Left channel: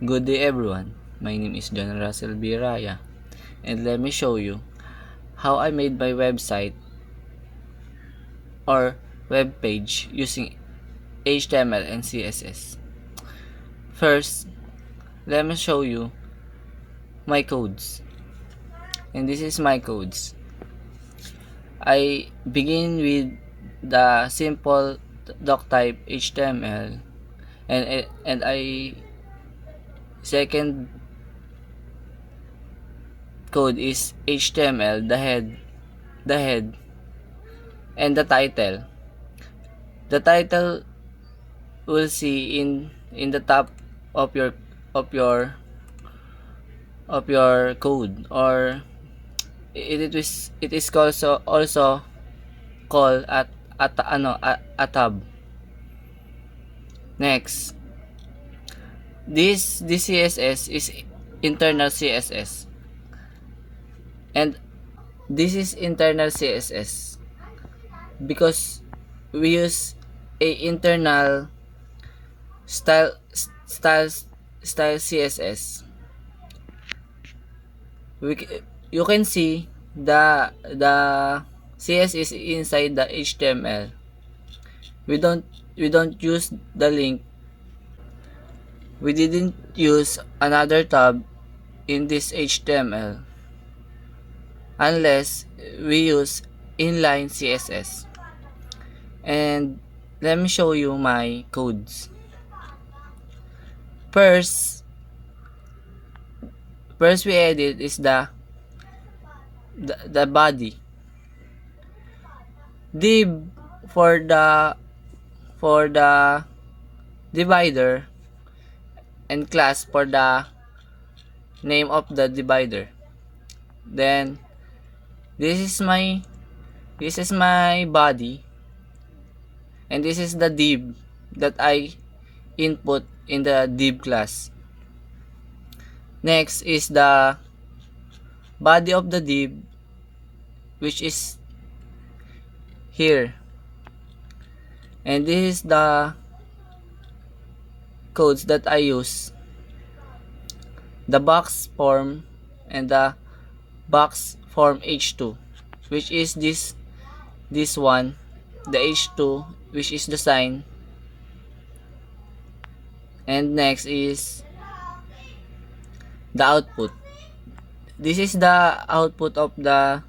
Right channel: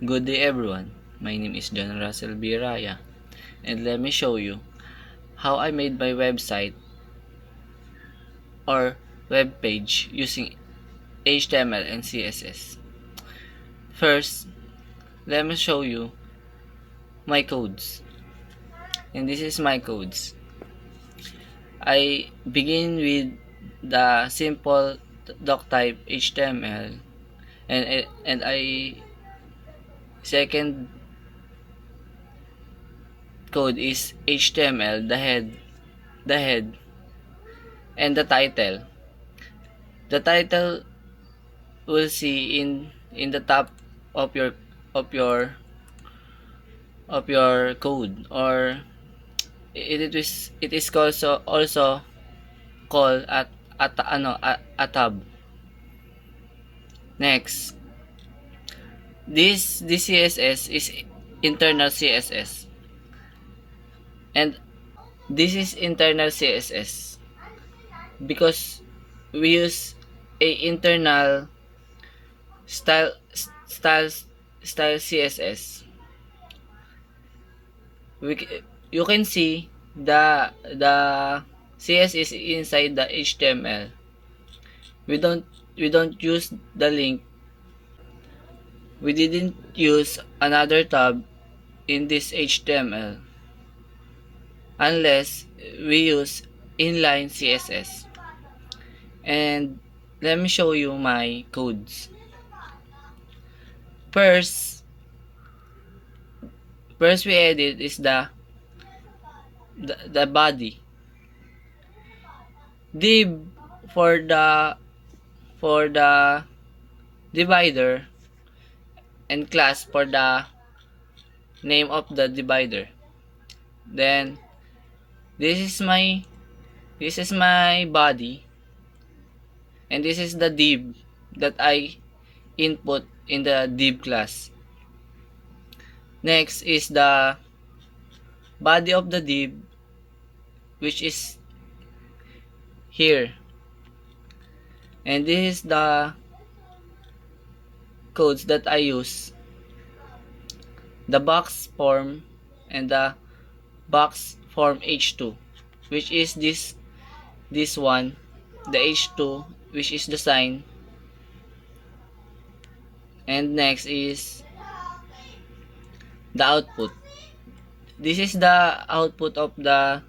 Good day everyone, my name is John Russell B. Raya, and let me show you how I made my website or web page using HTML and CSS. First, let me show you my codes, and this is my codes. I begin with the simple doctype HTML, and I second code is HTML, the head, and the title. The title will see in the top of your of your code, or it is also called a tab. Next, this CSS is internal CSS, and this is internal CSS because we use a internal style style style CSS. You can see the CS is inside the HTML. We don't use the link. We didn't use another tab in this HTML unless we use inline CSS. And let me show you my codes. First we edit is the body. Div for the divider, and class for the name of the divider. Then this is my body, and this is the div that I input in the div class. Next is the body of the div, which is here, and this is the codes that I use: the box form and the box form h2, which is this one, the h2, which is the sign. And next is the output. This is the output of the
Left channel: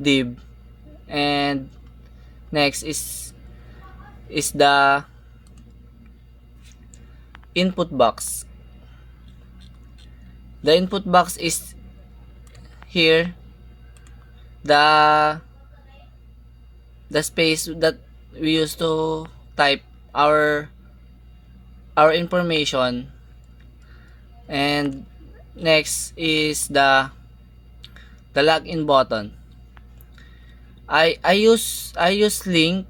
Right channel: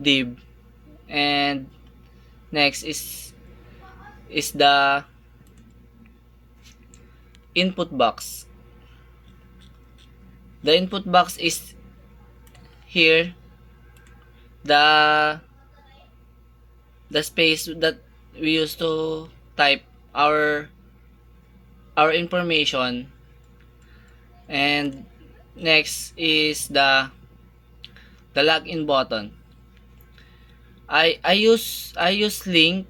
div. And next is the input box. The input box is here, the space that we use to type our information. And next is the login button. I use link.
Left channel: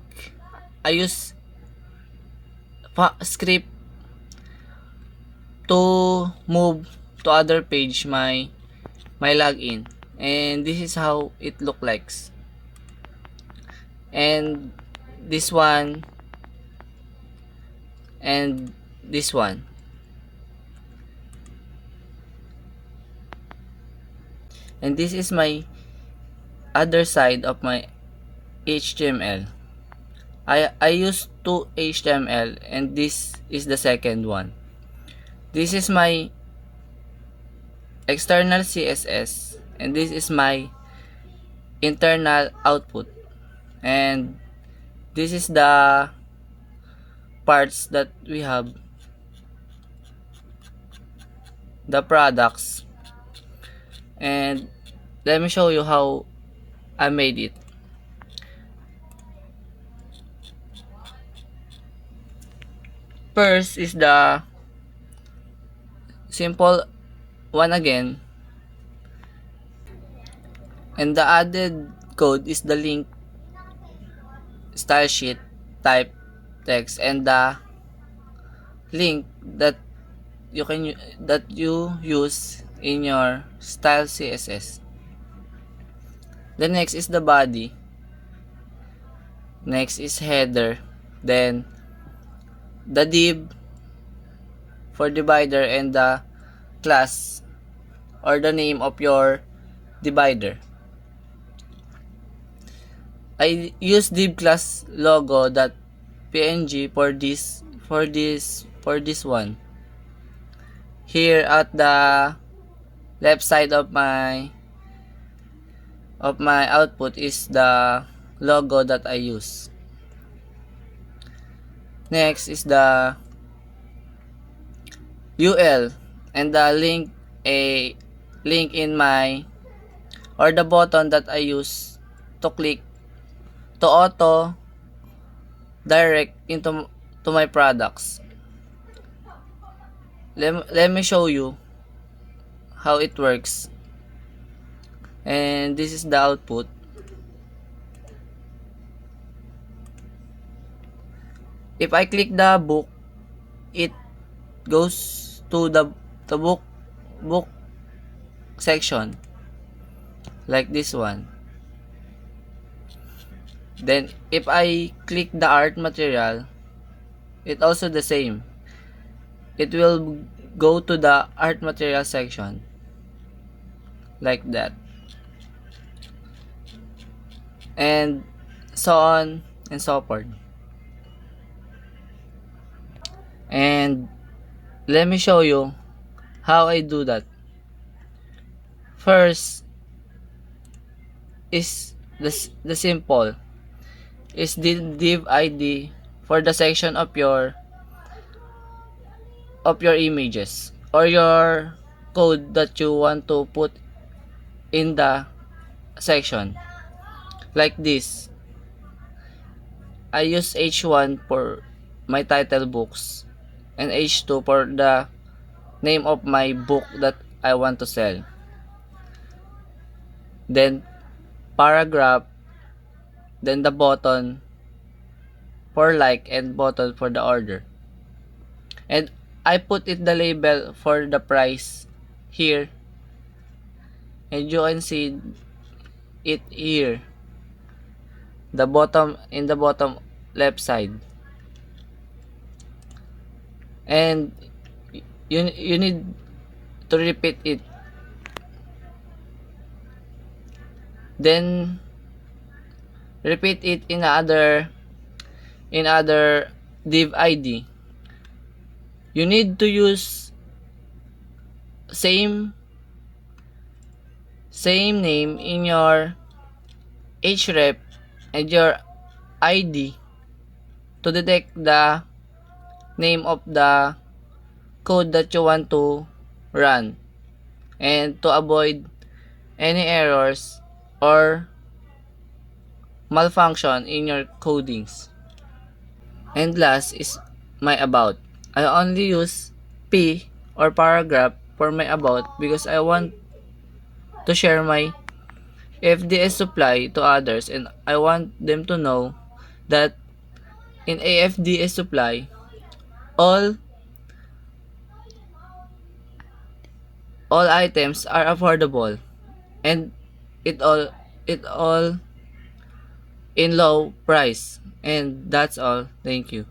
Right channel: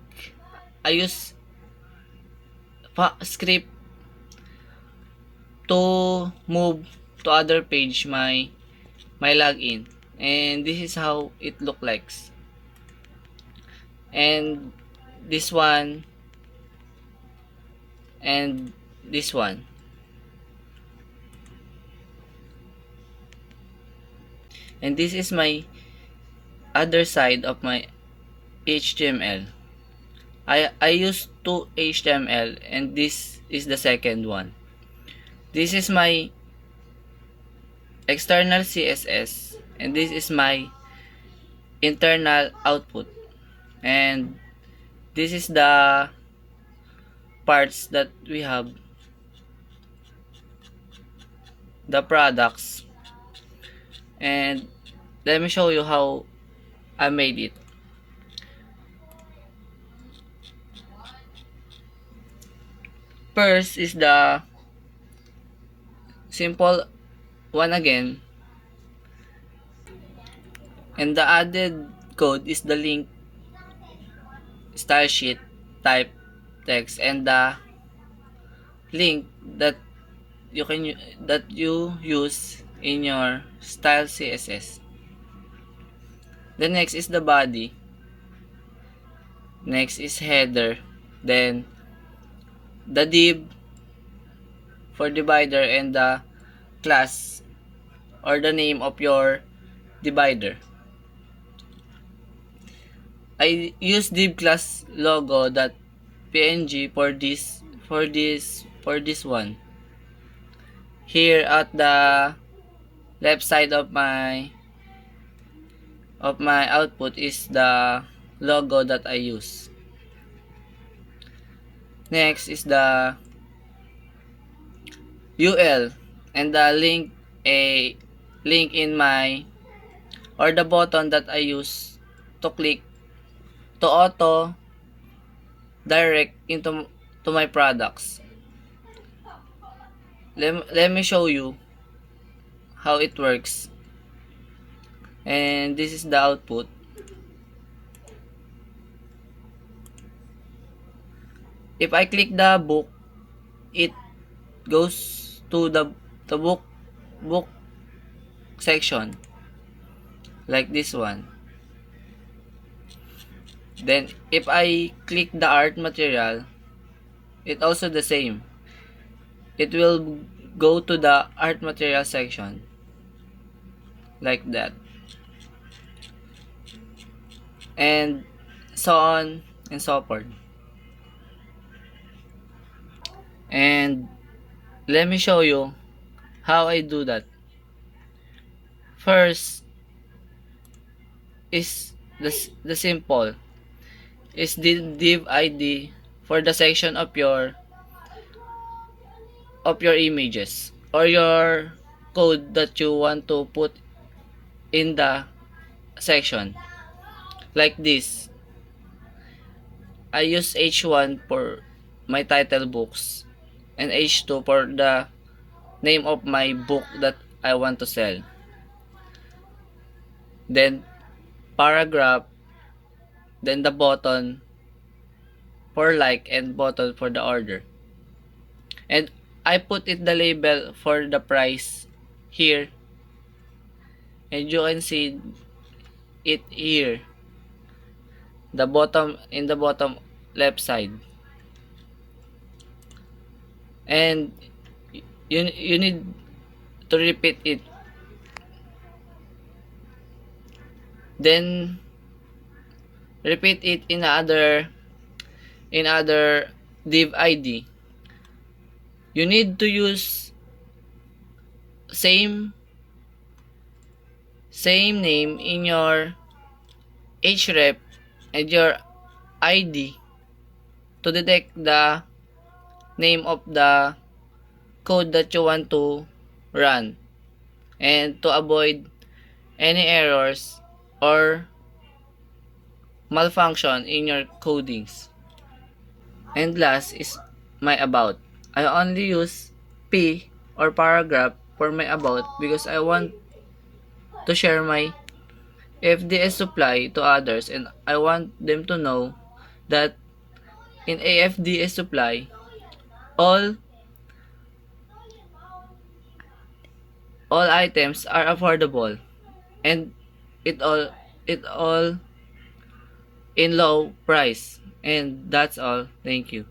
I use script to move to other page my login, and this is how it look like. And this one, and this one. And this is my other side of my HTML. I use two HTML, and this is the second one. This is my external CSS, and this is my internal output. And this is the parts that we have, the products. And let me show you how I made it. First is the simple one again, and the added code is the link, style sheet, type, text, and the link that you use in your style CSS. The next is the body. Next is header. Then the div, for divider and the class or the name of your divider. I use div class logo.png for this one. Here at the left side of my output is the logo that I use. Next is the UL and the link in my, or the button that I use to click to auto direct into my products. Let me show you how it works. And this is the output. If I click the book, it goes to the book section like this one. Then if I click the art material, it also the same. It will go to the art material section like that, and so on and so forth. And let me show you how I do that. First is the simple is the div ID for the section of your images or your code that you want to put in the section. Like this, I use H1 for my title books and H2 for the name of my book that I want to sell. Then paragraph, then the button for like and button for the order. And I put it the label for the price here, and you can see it here, the bottom, in the bottom left side. And you need to repeat it. Then repeat it in other div ID. You need to use same name in your href and your ID to detect the name of the code that you want to run, and to avoid any errors or malfunction in your codings. And last is my about. I only use P or paragraph for my about because I want to share my FDS supply to others, and I want them to know that in AFDS supply all items are affordable, and it all in low price. And that's all. Thank you.